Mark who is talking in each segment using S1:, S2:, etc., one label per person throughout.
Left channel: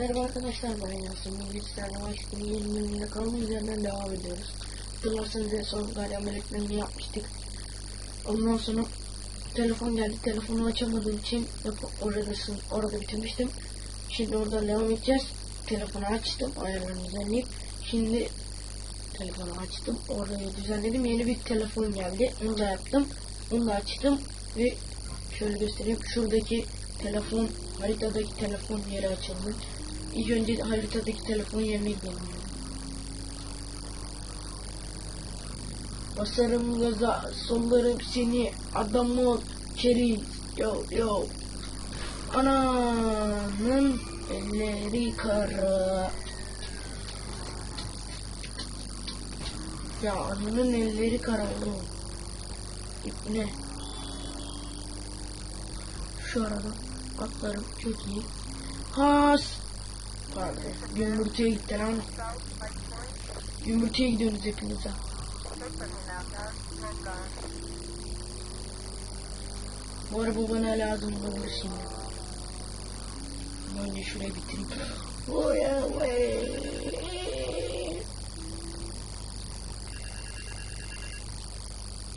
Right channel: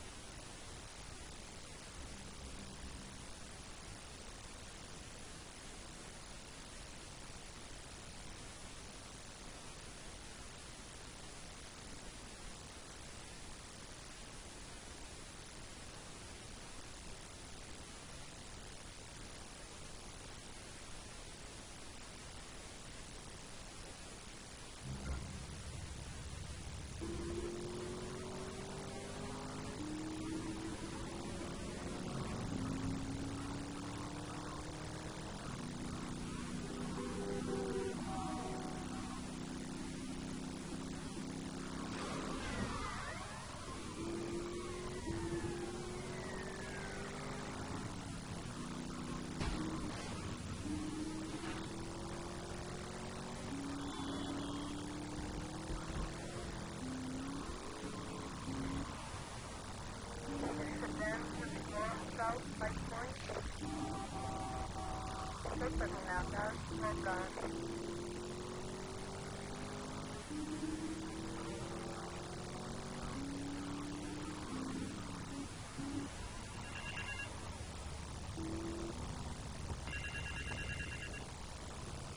S1: Merhaba arkadaşlar ben Yasin. Sizlerle Mayıs'ın 20 bölümünde kalma üzerinden devam ediyoruz. Hatırlarsanız en son Galya Meleklerini yapmıştık. Ondan sonra telefon geldi. Telefonu açamadığım için oradasın, orada bitirmiştim. Şimdi oradan devam edeceğiz. Telefonu açtım. Ayarlarını düzenleyip. Şimdi telefonu açtım. Orayı düzenledim. Yeni bir telefon geldi. Onu da yaptım. Onu da açtım. Ve şöyle göstereyim. Şuradaki telefon, haritadaki telefon yeri açıldı. İlk önce haritadaki telefon yerine gidelim. Basarım gaza, sollarım seni, adamın çeri, yo yo. Ananın elleri kara. Ya ananın elleri karardı. Ne? Şu arada atlarım çok iyi. Has. Yumurtaya gitti ha. Yumurtaya gidiyoruz hepimiz ha. Bu araba bana lazım olur şimdi. Önce şuraya bitireyim. Oy, oy.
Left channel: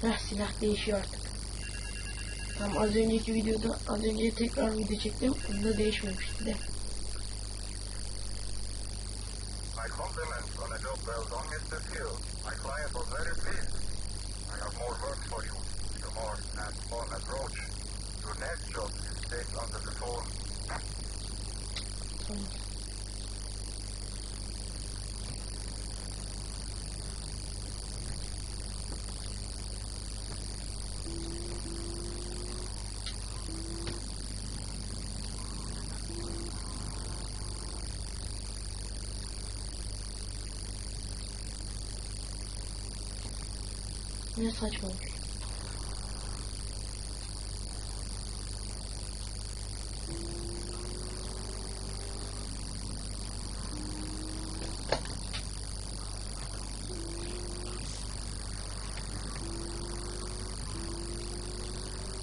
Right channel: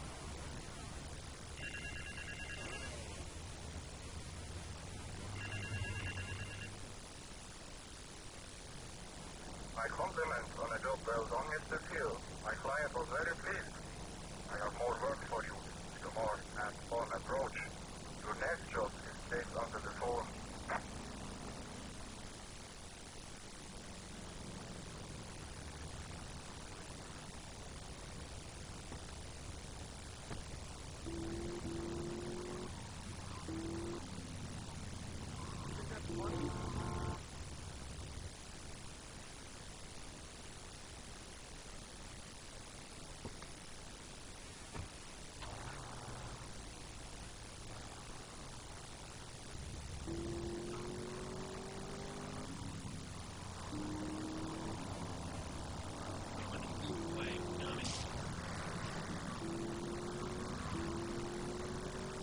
S1: Heh, silah değişiyor artık. Tam az önceki videoda az önce tekrar video çektim. Bunda değişmemişti de.
S2: My client was very pleased. I have more work for you, with a more hands-on approach. Your next job
S1: Ne saçmalık.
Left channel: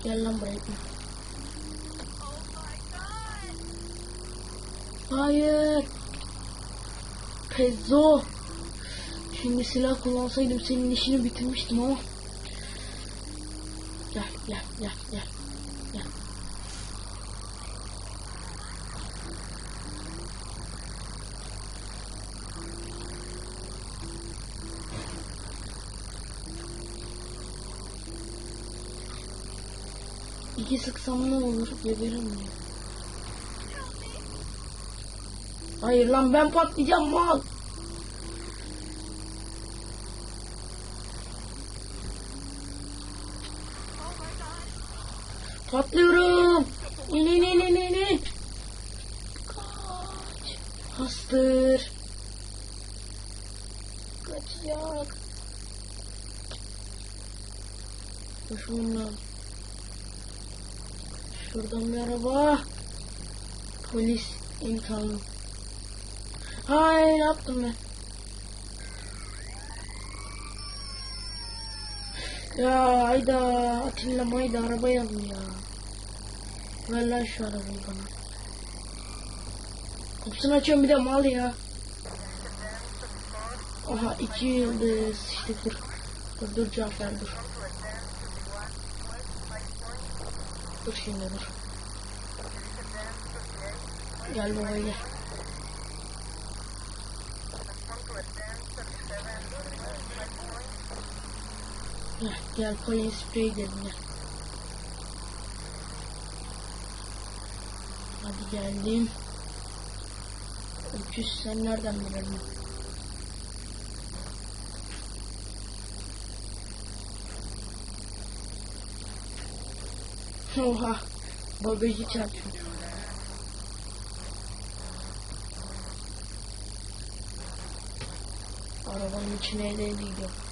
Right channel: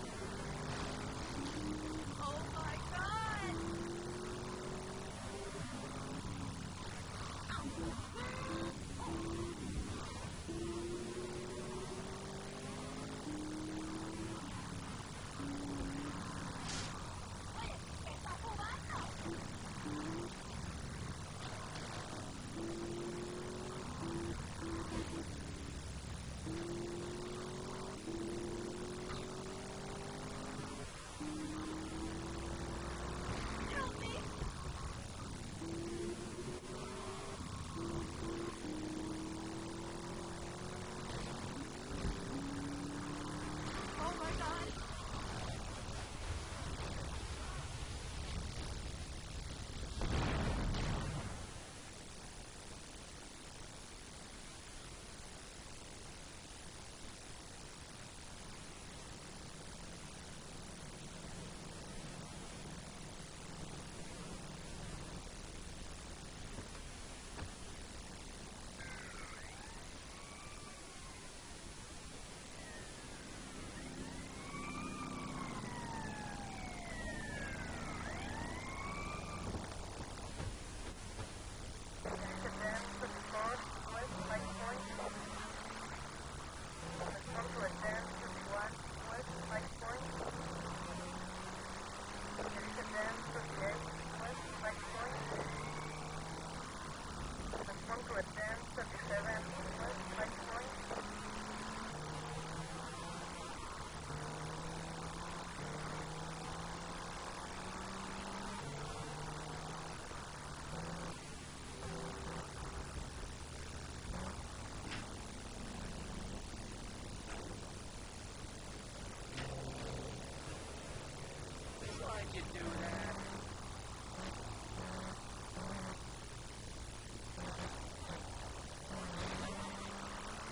S1: Gel lan buraya. Hayır. Pezzo. Şimdi silah kullansaydım senin işini bitirmiştim ama. Gel gel gel gel. İki sıksam ne olur geberim mi? Hayır lan ben patlayacağım mal. Patlıyorum. İn in in in in in. Bastır. Kaçacak. Koşmam lazım. Şuradan bir araba. Polis imkanı. Hayır yaptım ben? Ya hayda Atilla mayda araba yandı ya. Ver lan şu arabayı bana. Kapısını açıyorum bir de mal ya. Aha iki yıldız işte dur. Dur dur cevap ver dur. Dur şimdi dur. Gel buraya gel. Gel, gel koyun sprey gidelim gel. Hadi geldim. Öküz sen nereden biliyorsun? Oha. Bagajı çarptı. Arabanın içine gidiyor.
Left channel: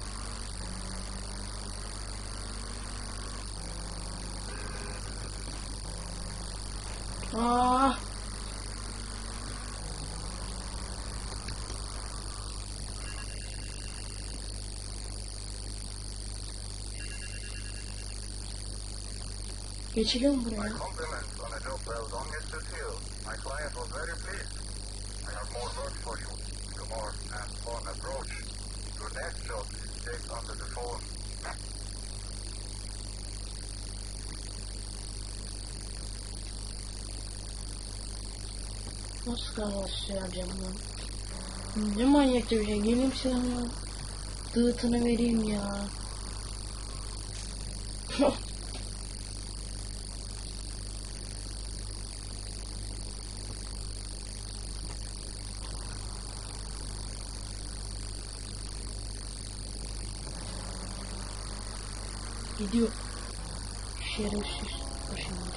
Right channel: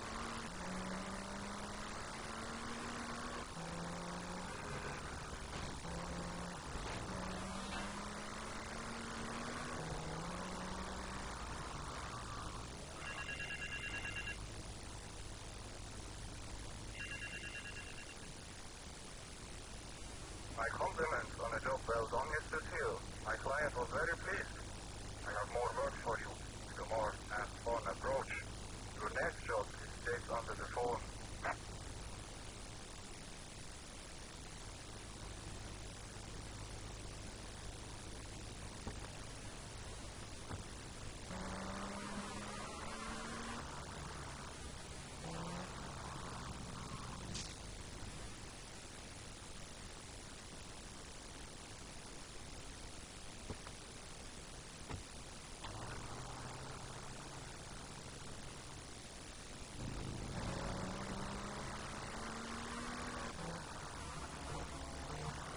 S2: my compliments on a job well done mr. keel my client was very pleased i have more Geçiliyor mu buraya?
S1: Nasıl kahvaltısı yapacağım lan? Ne manyak bir şey. Geleyim sana. Dığıtını vereyim ya. Gidiyor. Şerefsiz. Başımda.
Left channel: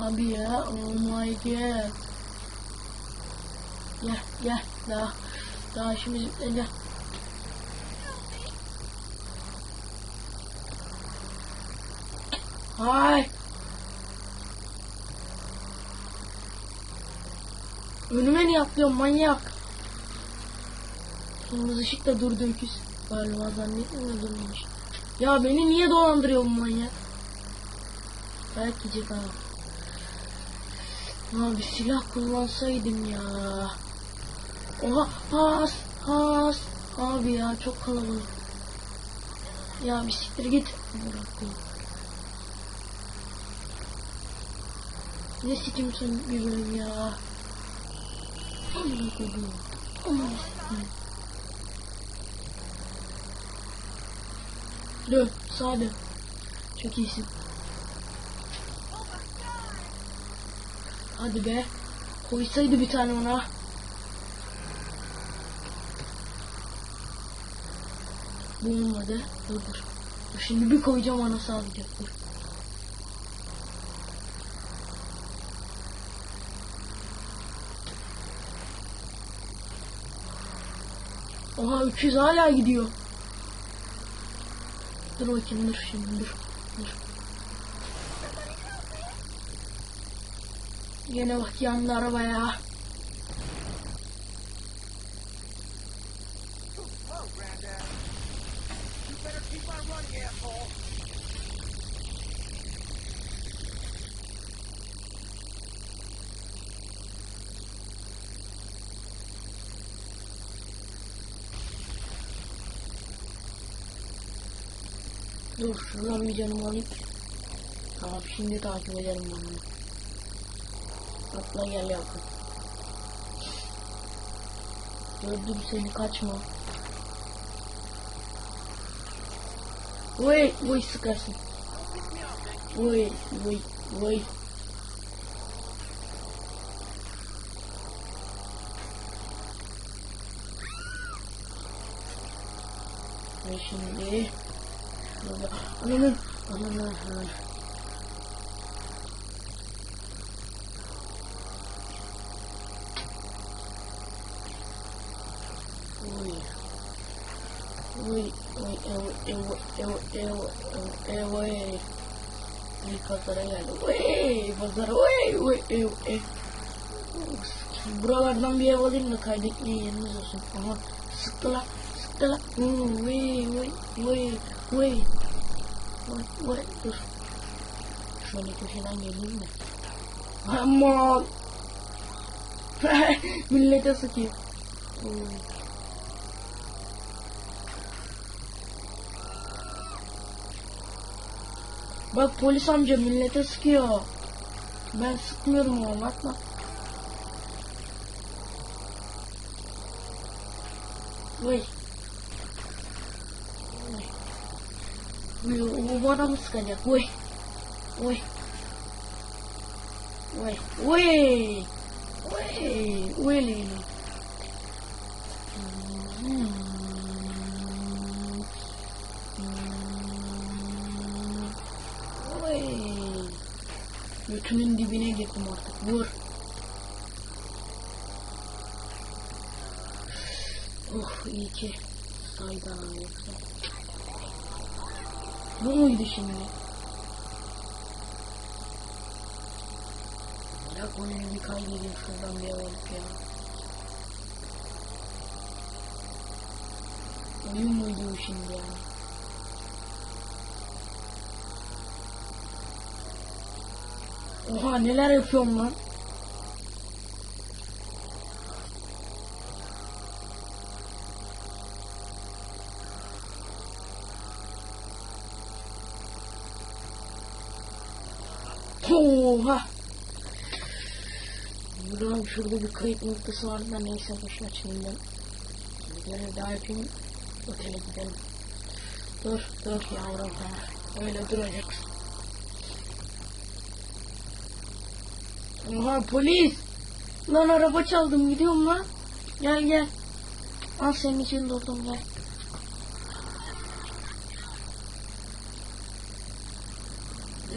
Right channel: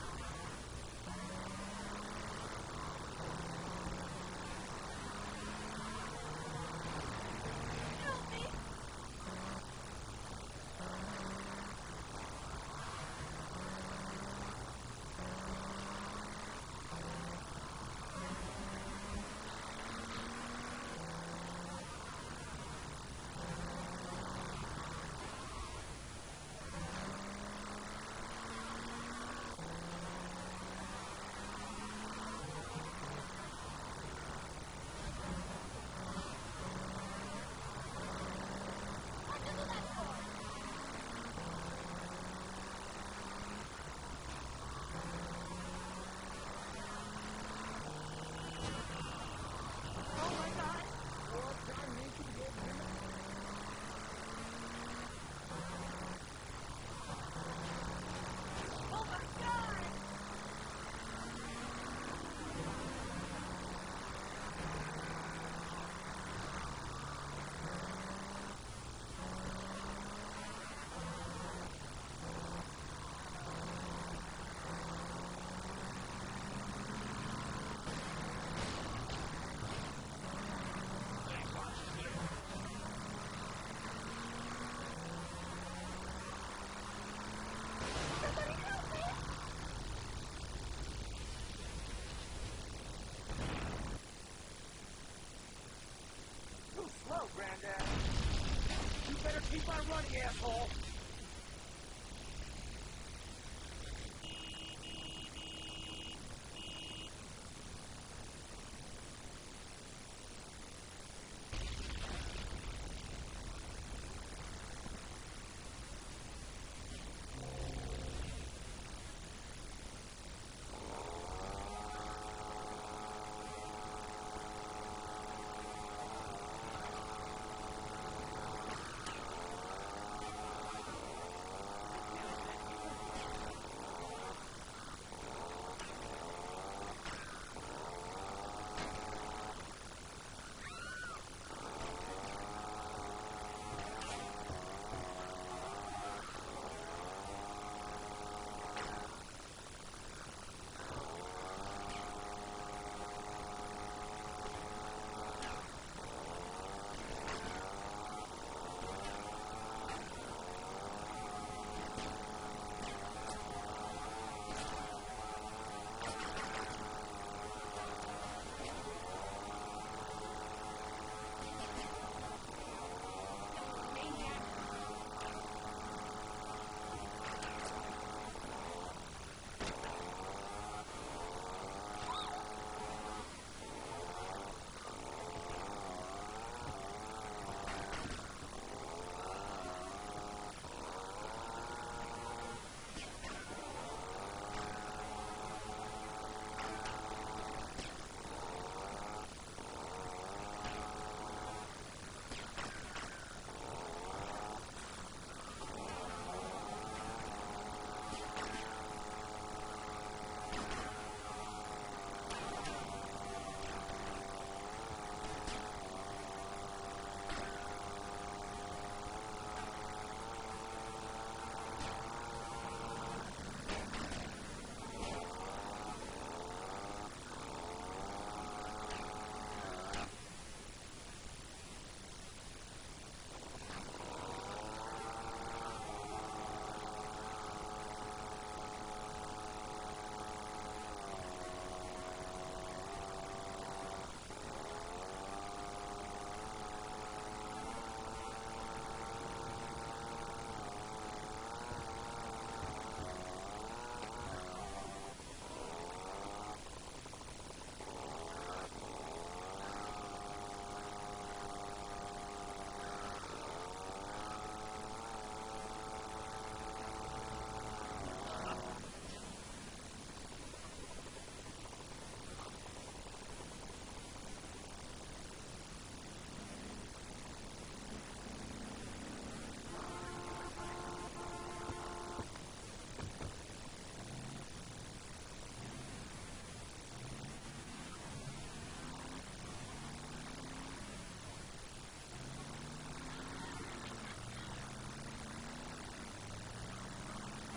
S1: Abi ya, oh my god. Gel, gel, daha, daha işimiz bitmedi. Hay. Önüme niye atlıyorsun manyak? Kırmızı ışıkta durdum pis. Galiba zannetmiyorum durmuş. Ya beni niye dolandırıyor bu manyak? Dayak yiyecek ha. Ha bir silah kullansaydım ya. Oha has has. Abi ya çok kalabalık. Ya bir siktir git. Ne sikimsin bir bölüm ya. Dön sağa dön. Çok iyisin. Hadi be. Koysaydı bir tane ona. Bu olmadı. Dur dur. Şimdi bir koyacağım ona sadece. Dur. Oha 300 hala gidiyor. Dur bakayım dur şimdi dur. dur. Yine bak yandı araba ya.
S3: Keep on running, asshole.
S1: Dur şuradan bir canımı alayım. Tamam şimdi takip ederim bunu. Atla gel yapın. Gördüm seni kaçma. Vay vay sıkarsın. Vay vay vay. Ve şimdi Wait! Wait, wait, Şöyle köşeden geleyim mi? Aman. Millete. Uy. Bak polis amca millete sıkıyor. Ben sıkmıyorum oğlum atma. Vay. Vay, O bana mı sıkacak? Vay. Vay. Vay. Vay. Hmm. Vay. Götümün dibine gittim artık. Vur. Oh iyi ki saydan yoksa. Bu muydu şimdi? Ya bunu bir kaydedeyim şuradan bir eve gideyim. Oyun muydu bu şimdi yani? Oha neler yapıyorum lan? Oha. Buradan şurada bir kayıt noktası vardı da neyse boşuna şimdi. Bir daha yapayım. Otele gidelim. Dur dur yavrum tamam. Öyle duracaksın. Oha polis. Lan araba çaldım gidiyorum lan. Gel gel. Al senin için durdum gel.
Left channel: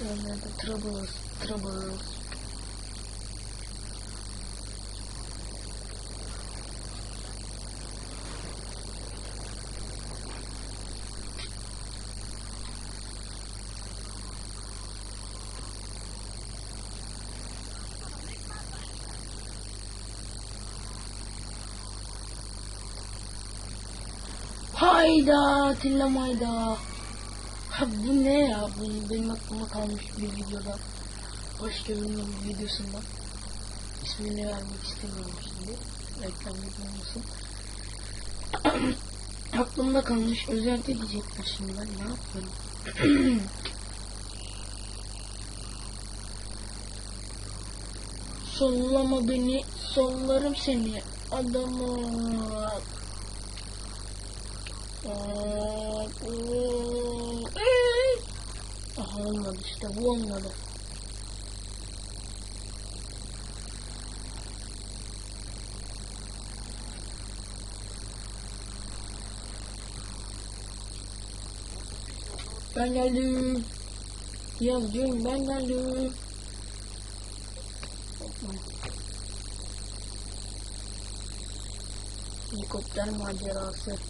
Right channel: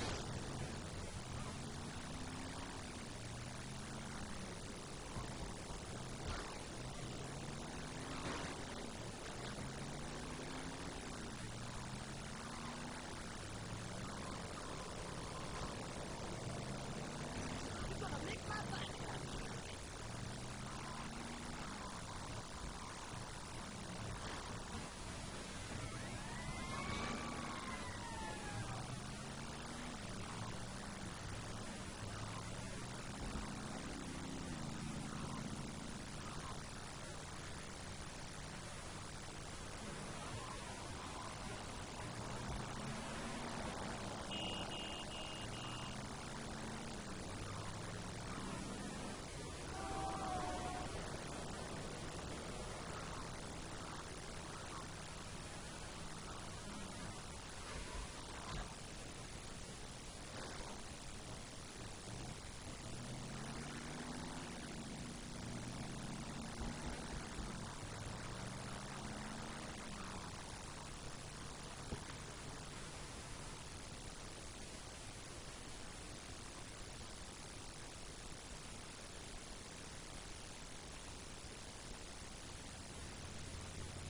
S1: Troubles, troubles. Hayda Atilla mayda. Ha bu ne ya? Bu benim aklıma kalmış bir videoda. Başka birinin bir videosunda. İsmini vermek istemiyorum şimdi. Reklam olmasın. Aklımda kalmış. Özelde diyecektim şimdi ben ne yapayım? Sollama beni, sollarım seni. Adamı. Aha olmadı işte bu olmadı. Ben geldim. Yazcığım ben geldim. Helikopter macerası.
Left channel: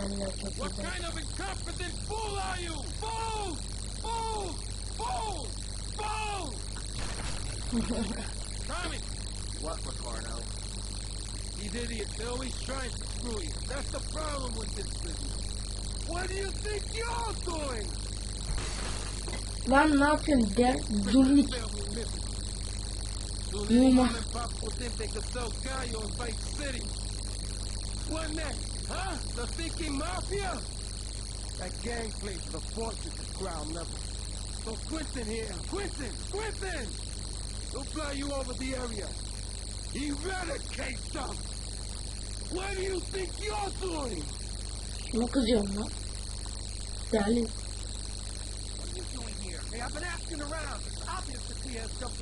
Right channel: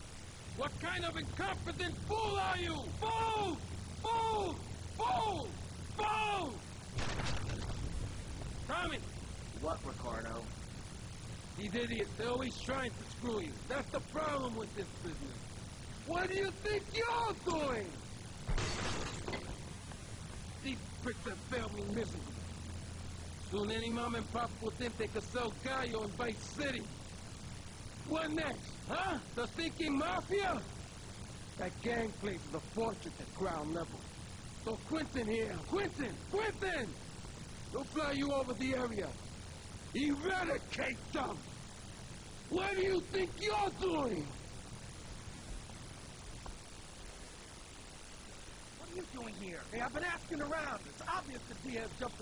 S3: What kind of incompetent fool are you? Fool! Fool! Fool! Fool! Tommy!
S4: What, Ricardo?
S3: These idiots, they're always trying to screw you. That's the problem with this business. What do you think you're doing?
S1: Lan ne yapıyorsun? Der,
S3: Freaking
S1: Zurich.
S3: family business. Soon any
S1: Numa.
S3: mom and pop will think they could sell gallo in Vice City. What next? Huh? The thinking mafia? That gang plays the fortress at ground level. So Quentin here. Quentin! Quentin! He'll fly you over the area. Eradicate them! What do you think you're doing?
S1: Ne kızıyorsun lan? Deli.
S3: What are you doing here? Hey, I've been asking around. It's obvious that he has jumped